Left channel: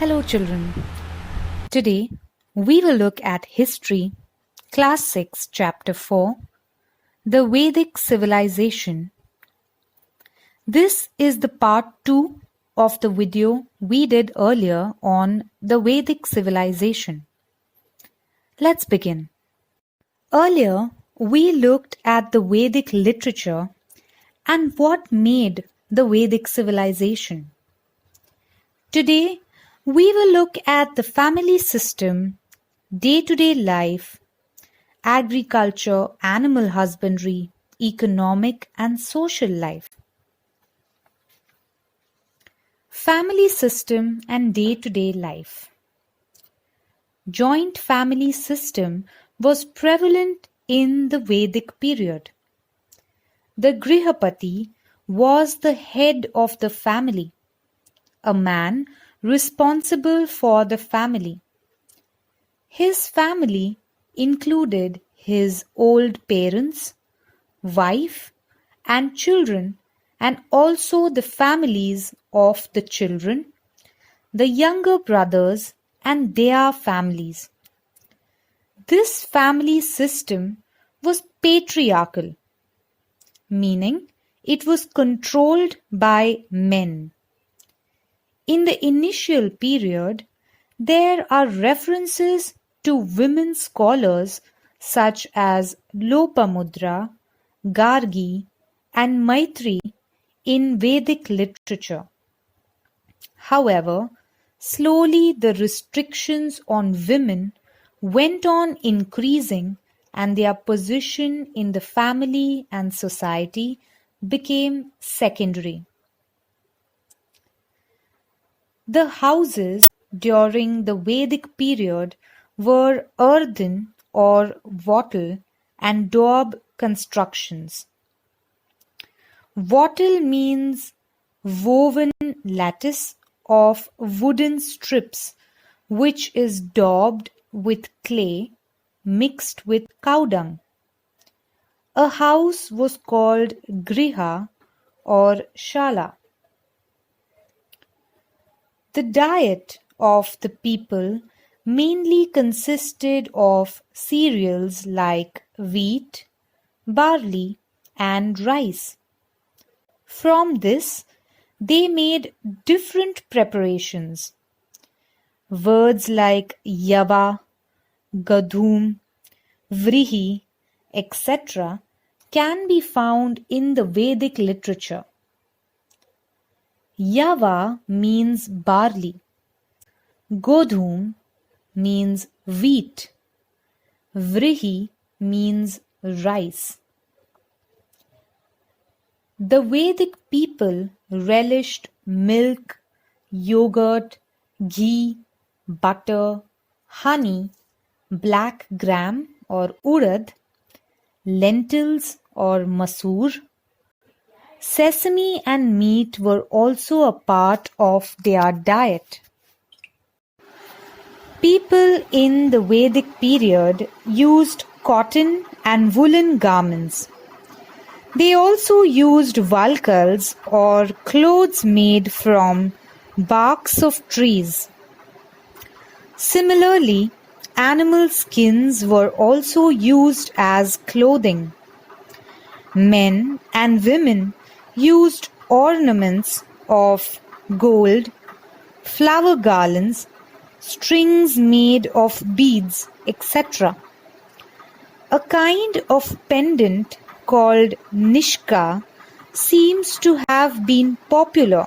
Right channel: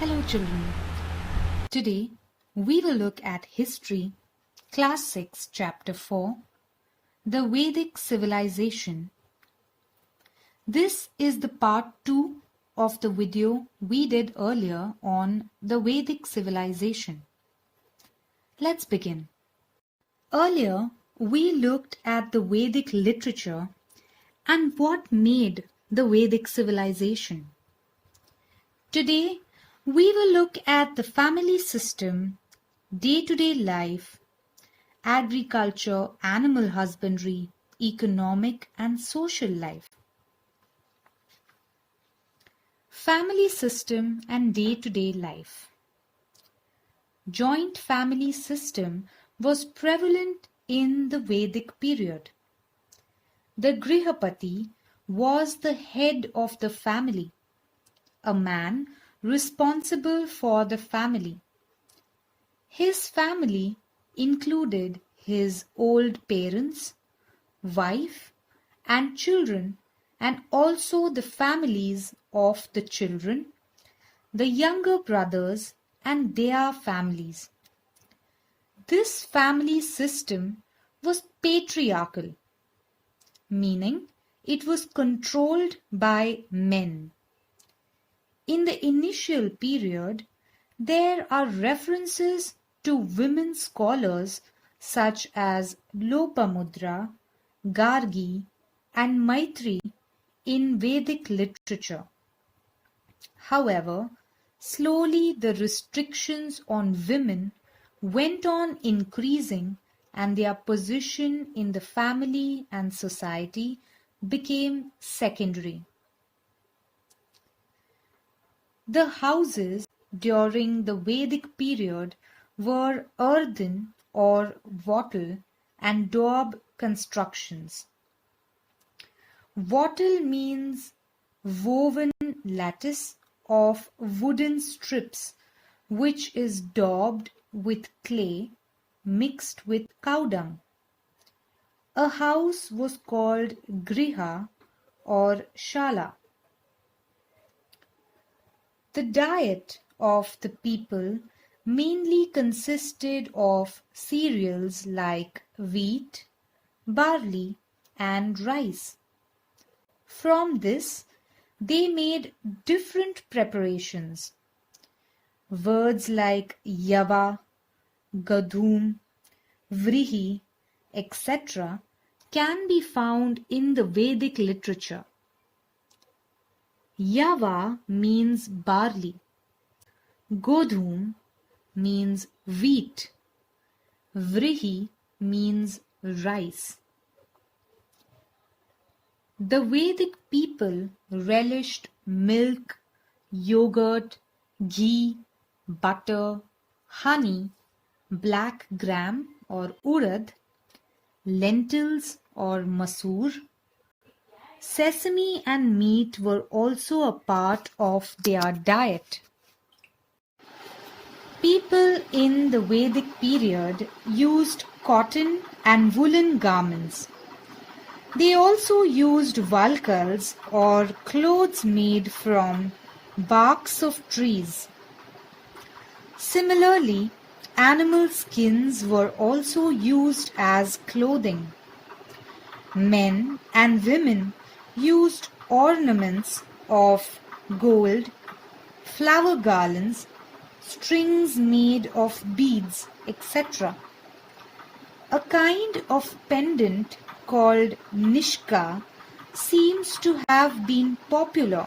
Hello, children. Today we will look at History, Class 6, Chapter 4, The Vedic Civilization. This is the part 2 of the video we did earlier on the Vedic civilization. Let's begin. Earlier, we looked at the Vedic literature and what made the Vedic civilization. Today, we will look at the family system, day-to-day life, agriculture, animal husbandry, economic and social life. Family system and day-to-day life. Joint family system was prevalent in the Vedic period. The Grihapati was the head of the family, a man responsible for the family. His family included his old parents, wife, and children, and also the families of the children, the younger brothers, and their families. This family system was patriarchal, meaning it was controlled by men. In the initial period, there are references to women scholars such as Lopamudra, Gargi, and Maitri in Vedic literature. However, slowly the restrictions on women went on increasing and their position in the family and society became secondary. The houses during the Vedic period were earthen or wattle and daub constructions. Wattle means woven lattice of wooden strips which is daubed with clay mixed with cow dung. A house was called griha or shala. The diet of the people mainly consisted of cereals like wheat, barley, and rice. From this, they made different preparations. Words like yava, gadhum, vrihi, etc. can be found in the Vedic literature. Yava means barley. Godhum means wheat. Vrihi means rice. The Vedic people relished milk, yogurt, ghee, butter, honey, black gram or urad, lentils or masoor. Sesame and meat were also a part of their diet. People in the Vedic period used cotton and woolen garments. They also used valkals or clothes made from barks of trees. Similarly, animal skins were also used as clothing. Men and women used ornaments of gold, flower garlands, strings made of beads, etc. A kind of pendant called nishka seems to have been popular.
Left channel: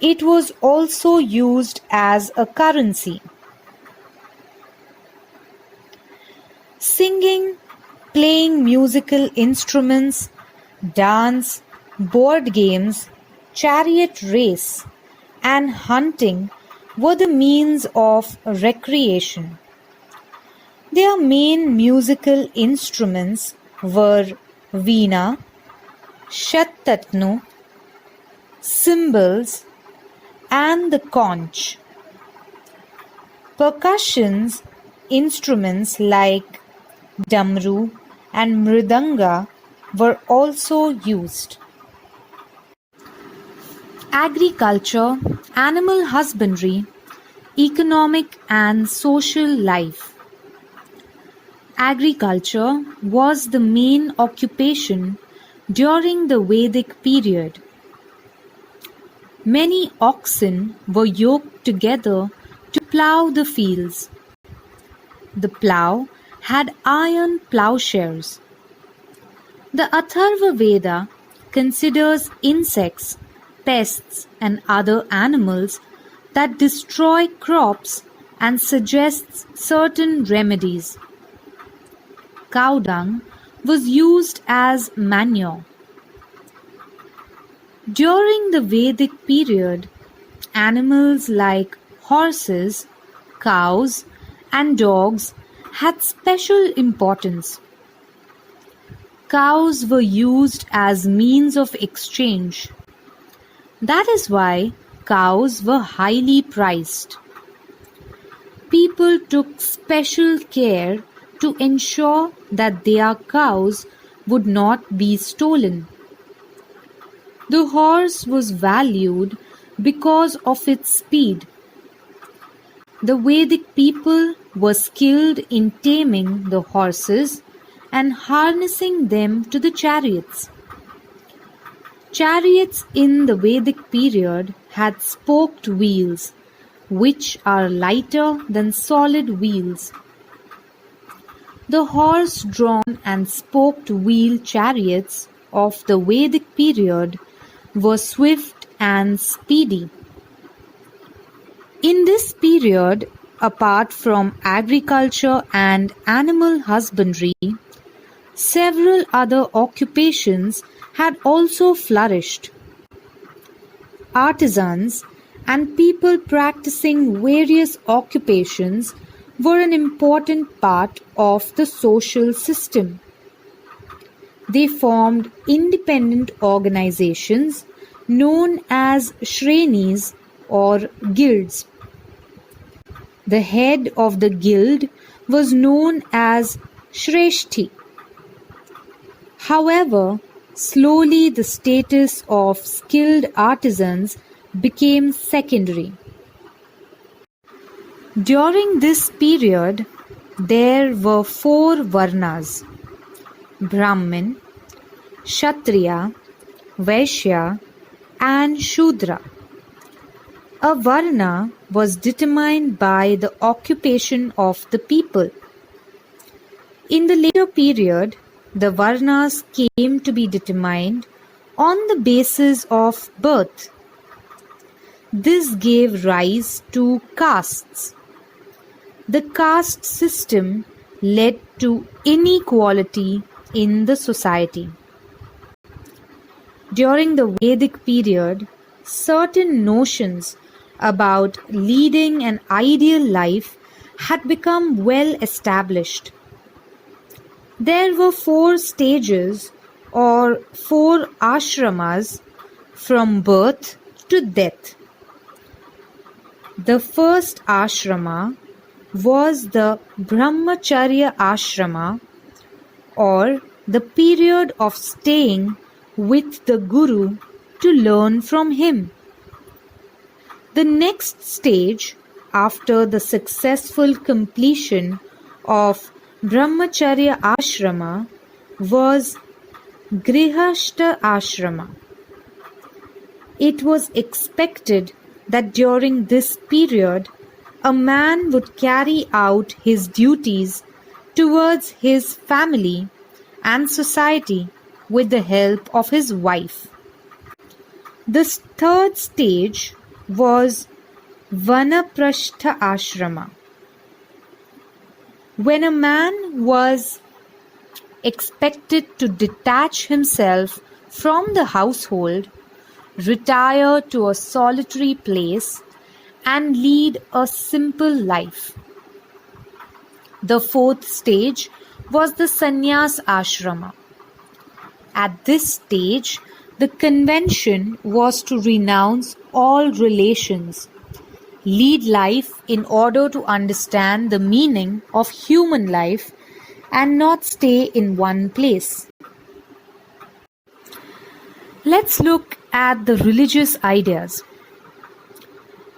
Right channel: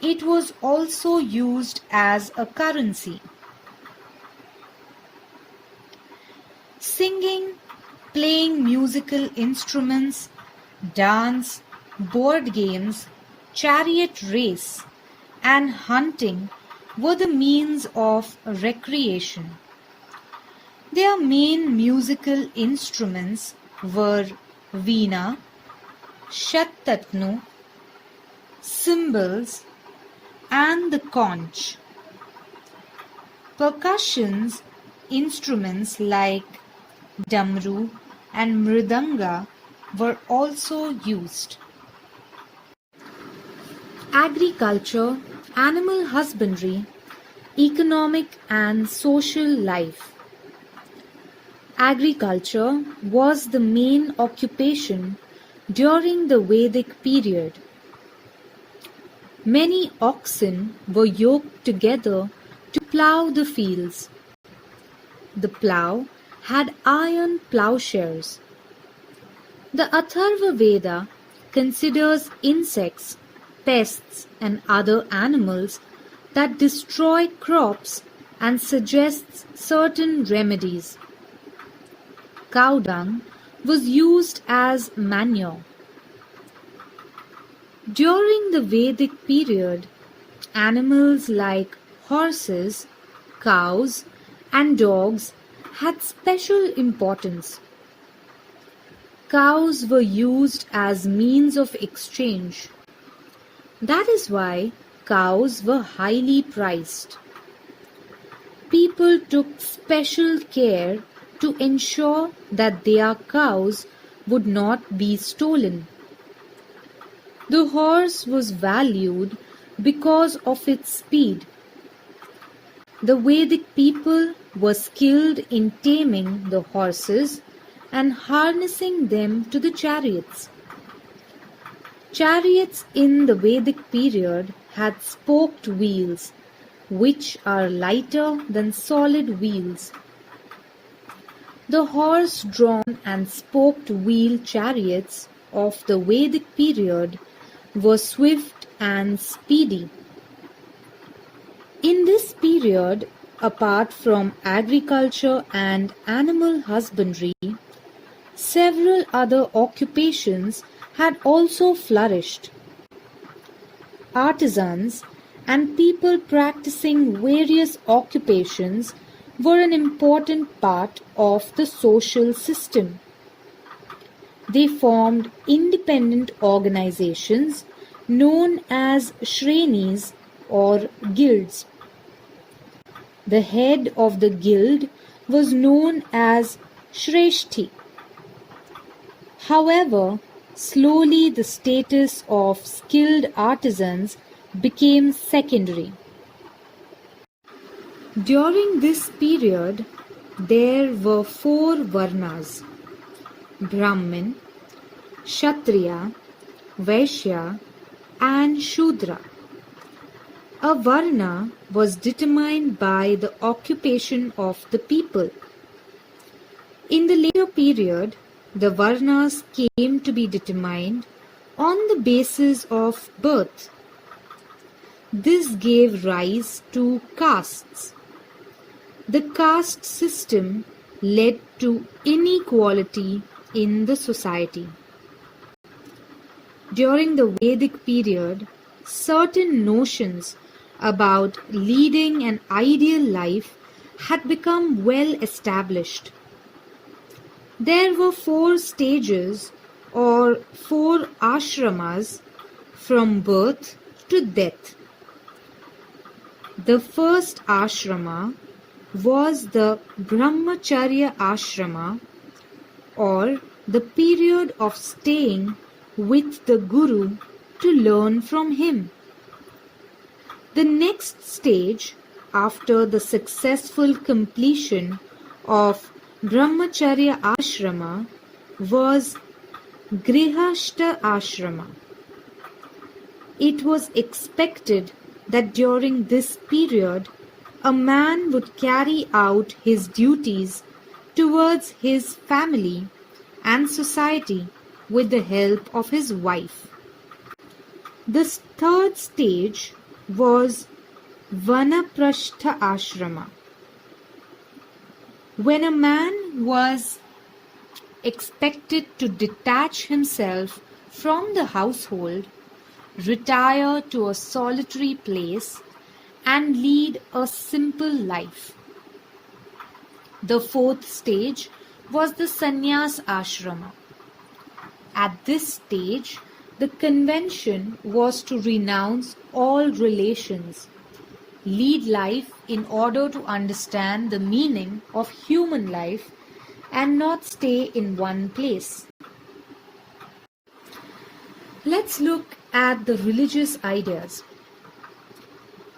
It was also used as a currency. Singing, playing musical instruments, dance, board games, chariot race, and hunting were the means of recreation. Their main musical instruments were veena, shattatnu, cymbals, and the conch. Percussion instruments like damru and mridanga were also used. Agriculture, animal husbandry, economic and social life. Agriculture was the main occupation during the Vedic period. Many oxen were yoked together to plough the fields. The plough had iron ploughshares. The Atharva Veda considers insects, pests, and other animals that destroy crops and suggests certain remedies. Cow dung was used as manure. During the Vedic period, animals like horses, cows, and dogs had special importance. Cows were used as means of exchange. That is why cows were highly priced. People took special care to ensure that their cows would not be stolen. The horse was valued because of its speed. The Vedic people were skilled in taming the horses and harnessing them to the chariots. Chariots in the Vedic period had spoked wheels, which are lighter than solid wheels. The horse-drawn and spoked wheel chariots of the Vedic period were swift and speedy. In this period, apart from agriculture and animal husbandry, several other occupations had also flourished. Artisans and people practicing various occupations were an important part of the social system. They formed independent organizations known as shrenis or guilds. The head of the guild was known as Shreshthi. However, slowly the status of skilled artisans became secondary. During this period, there were 4 varnas: Brahmin, Kshatriya, Vaishya, and Shudra. A varna was determined by the occupation of the people. In the later period, the varnas came to be determined on the basis of birth. This gave rise to castes. The caste system led to inequality in the society. During the Vedic period, certain notions about leading an ideal life had become well established. There were 4 stages or 4 ashramas from birth to death. The first ashrama was the Brahmacharya ashrama, or the period of staying with the Guru to learn from him. The next stage, after the successful completion of Brahmacharya ashrama, was Grihastha ashrama. It was expected that during this period, a man would carry out his duties towards his family and society with the help of his wife. The third stage was Vanaprastha ashrama, when a man was expected to detach himself from the household, retire to a solitary place, and lead a simple life. The fourth stage was the sannyas ashrama. At this stage, the convention was to renounce all relations, lead life in order to understand the meaning of human life, and not stay in one place. Let's look at the religious ideas.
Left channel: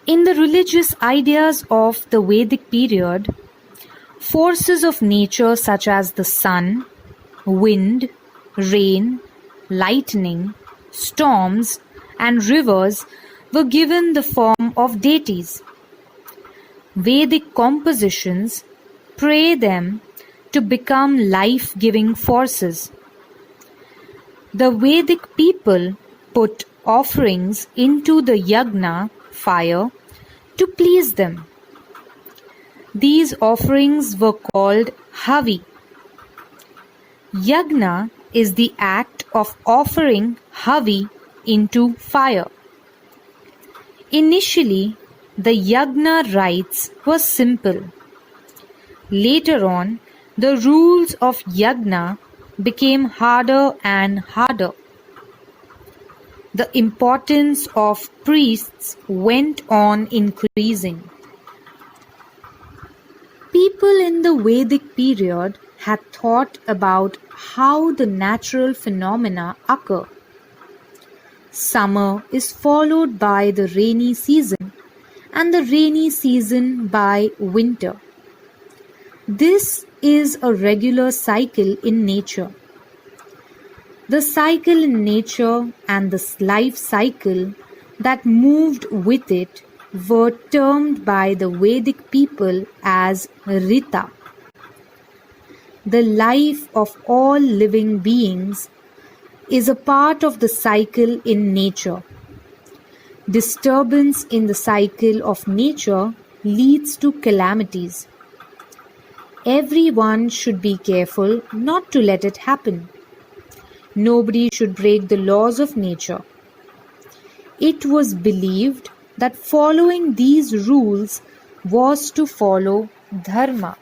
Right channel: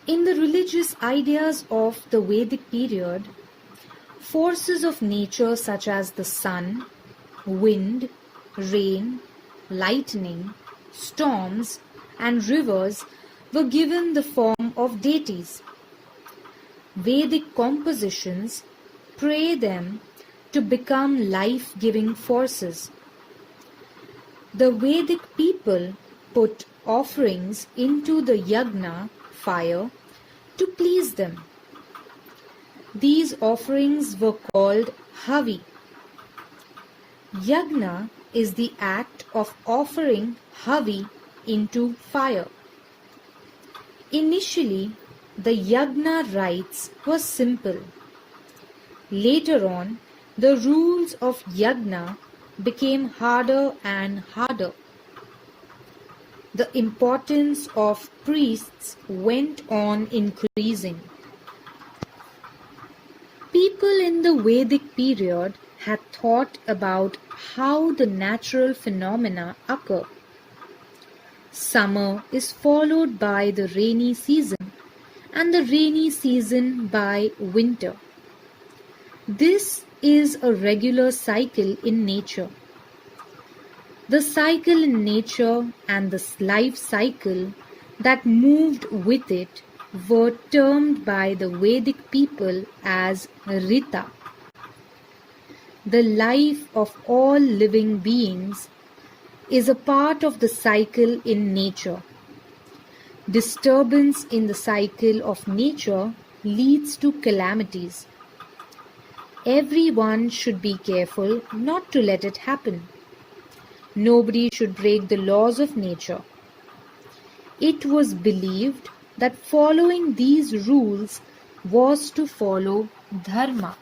In the religious ideas of the Vedic period, forces of nature such as the sun, wind, rain, lightning, storms, and rivers were given the form of deities. Vedic compositions pray them to become life-giving forces. The Vedic people put offerings into the yagna fire to please them. These offerings were called havi. Yagna is the act of offering havi into fire. Initially, the yagna rites were simple. Later on, the rules of yagna became harder and harder. The importance of priests went on increasing. People in the Vedic period had thought about how the natural phenomena occur. Summer is followed by the rainy season, and the rainy season by winter. This is a regular cycle in nature. The cycle in nature and the life cycle that moved with it were termed by the Vedic people as Rita. The life of all living beings is a part of the cycle in nature. Disturbance in the cycle of nature leads to calamities. Everyone should be careful not to let it happen. Nobody should break the laws of nature. It was believed that following these rules was to follow dharma.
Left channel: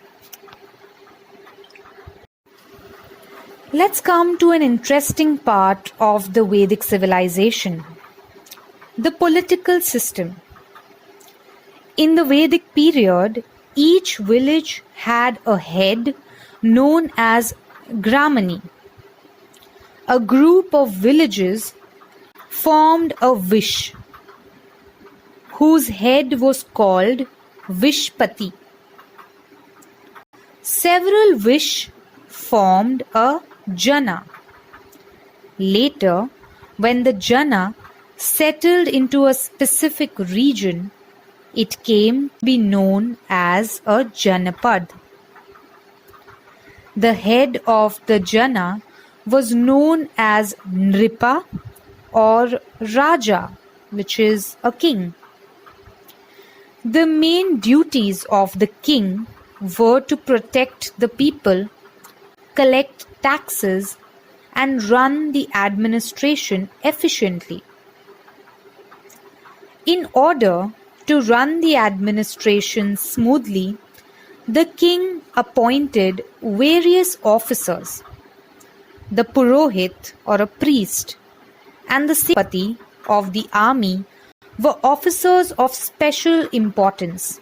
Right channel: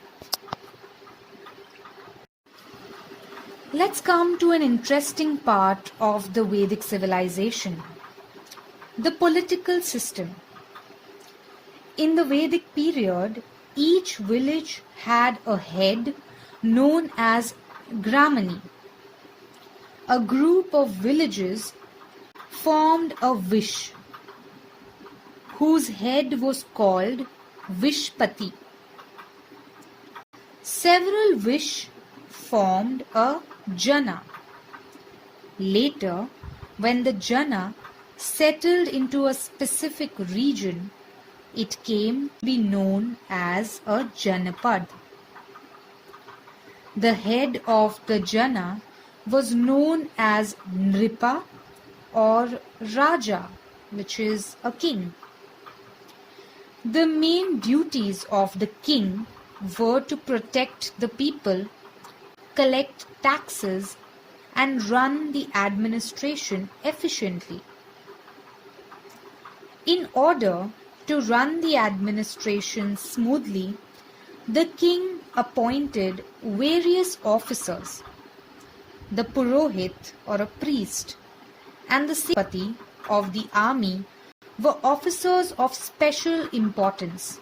Let's come to an interesting part of the Vedic civilization, the political system. In the Vedic period, each village had a head known as Gramani. A group of villages formed a Vish, whose head was called Vishpati. Several Vish formed a Jana. Later, when the Jana settled into a specific region, it came to be known as a Janapad. The head of the Jana was known as Nripa or Raja, which is a king. The main duties of the king were to protect the people, collect taxes, and run the administration efficiently. In order to run the administration smoothly, the king appointed various officers. The Purohit or a priest and the Sepati of the army were officers of special importance.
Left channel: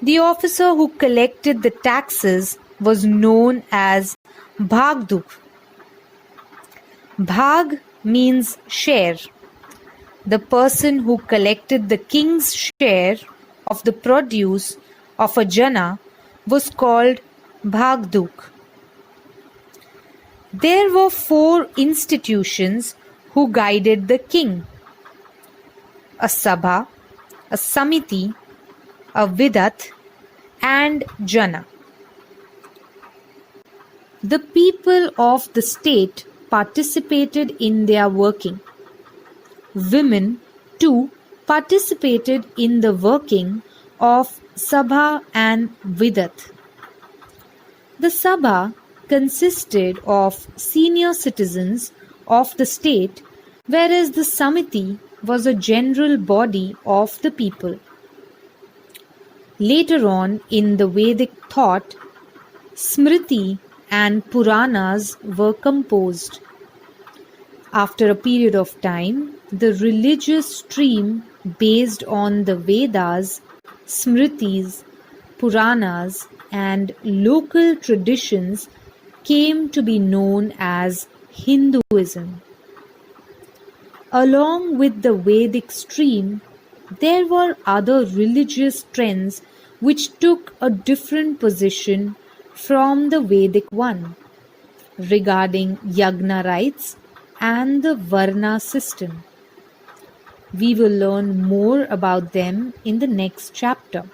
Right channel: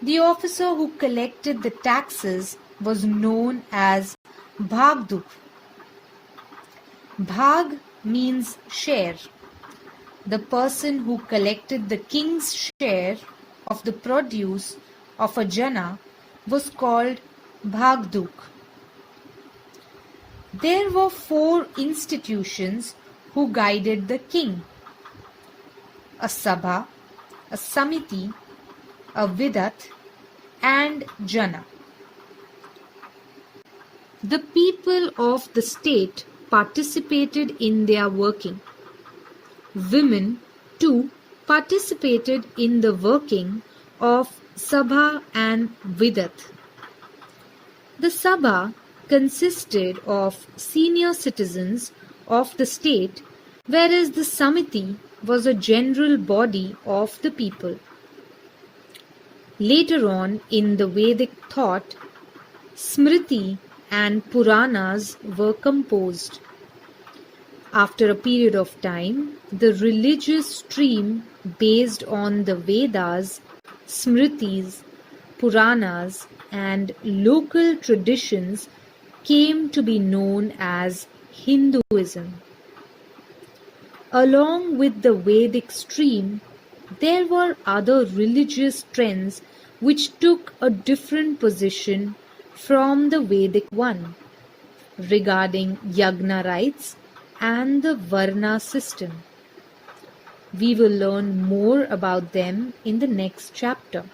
The officer who collected the taxes was known as Bhagdup. Bhag means share. The person who collected the king's share of the produce of a jana was called Bhagduk. There were 4 institutions who guided the king: a Sabha, a Samiti, a Vidat, and Jana. The people of the state participated in their working. Women too participated in the working of Sabha and Vidat. The Sabha consisted of senior citizens of the state, whereas the Samiti was a general body of the people. Later on in the Vedic thought, Smriti and Puranas were composed. After a period of time, the religious stream based on the Vedas, Smritis, Puranas, and local traditions came to be known as Hinduism. Along with the Vedic stream, there were other religious trends which took a different position from the Vedic one regarding yagna rites and the Varna system. We will learn more about them in the next chapter.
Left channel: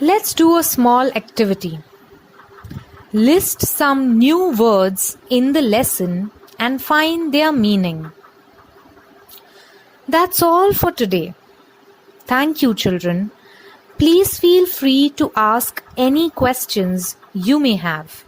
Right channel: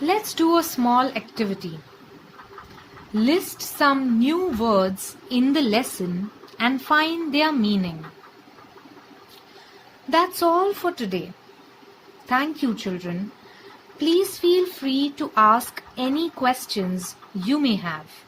Let's do a small activity. List some new words in the lesson and find their meaning. That's all for today. Thank you, children. Please feel free to ask any questions you may have.